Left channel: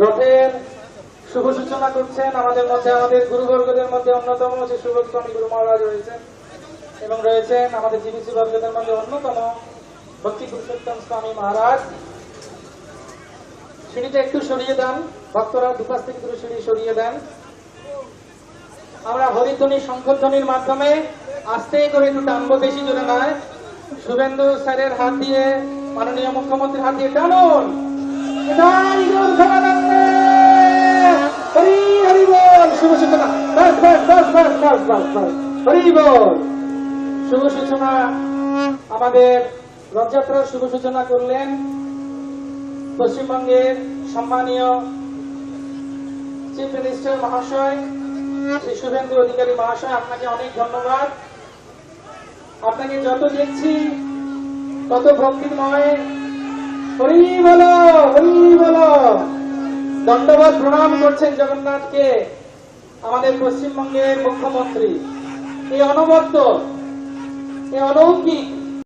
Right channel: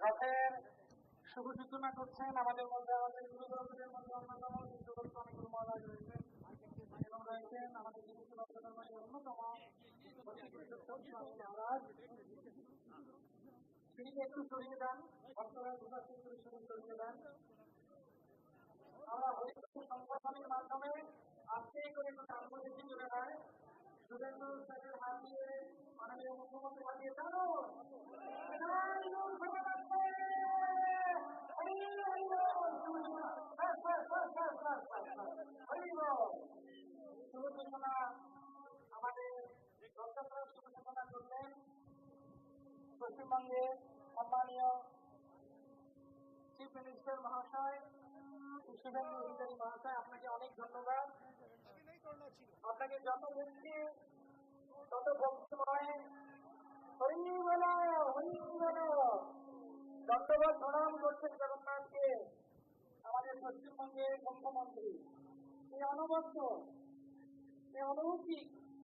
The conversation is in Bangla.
রথের শুভ সূচনা করছেন আমাদের মধ্যে, আমাদের গুরুবর্গদের মধ্যে অন্যতম যে সুবোধ স্বামী গুরু মহারাজ রয়েছেন এবং রয়েছেন আমাদের জীবিসি বর্গদের মধ্যে অন্যতম ভক্তি পুরুষোত্তম স্বামী মহারাজ। সিঁড়িটা একটু সরিয়ে দেন, ভক্তরা দুপাশ থেকে দুটো সিঁড়ি সরিয়ে দেন। আমরা হরিধ্বনি শঙ্খধ্বনির মাধ্যমে আস্তে করে একটু টানবো, বেশি জোরে নয়। শুভেন্দু স্যারের হাত দিয়ে, মাননীয় মুখ্যমন্ত্রীর হাত দিয়ে টানুন। শুভ সূচনা, শুভ সূচনা, আমাদের রথযাত্রার শুভ সূচনা করলেন পশ্চিমবঙ্গের সম্মানীয় চিফ মিনিস্টার মহাশয় শ্রী শুভেন্দু অধিকারী মহাশয়। আপনাকে অনেক ধন্যবাদ। আপনাকে যত দেখছি তত ভক্তিময়। হরি বলো, হরি বলো। দণ্ডবত প্রণাম করছেন জগন্নাথকে আমাদের পশ্চিমবঙ্গের মুখ্যমন্ত্রী। এই অনবদ্য, এই অলৌকিক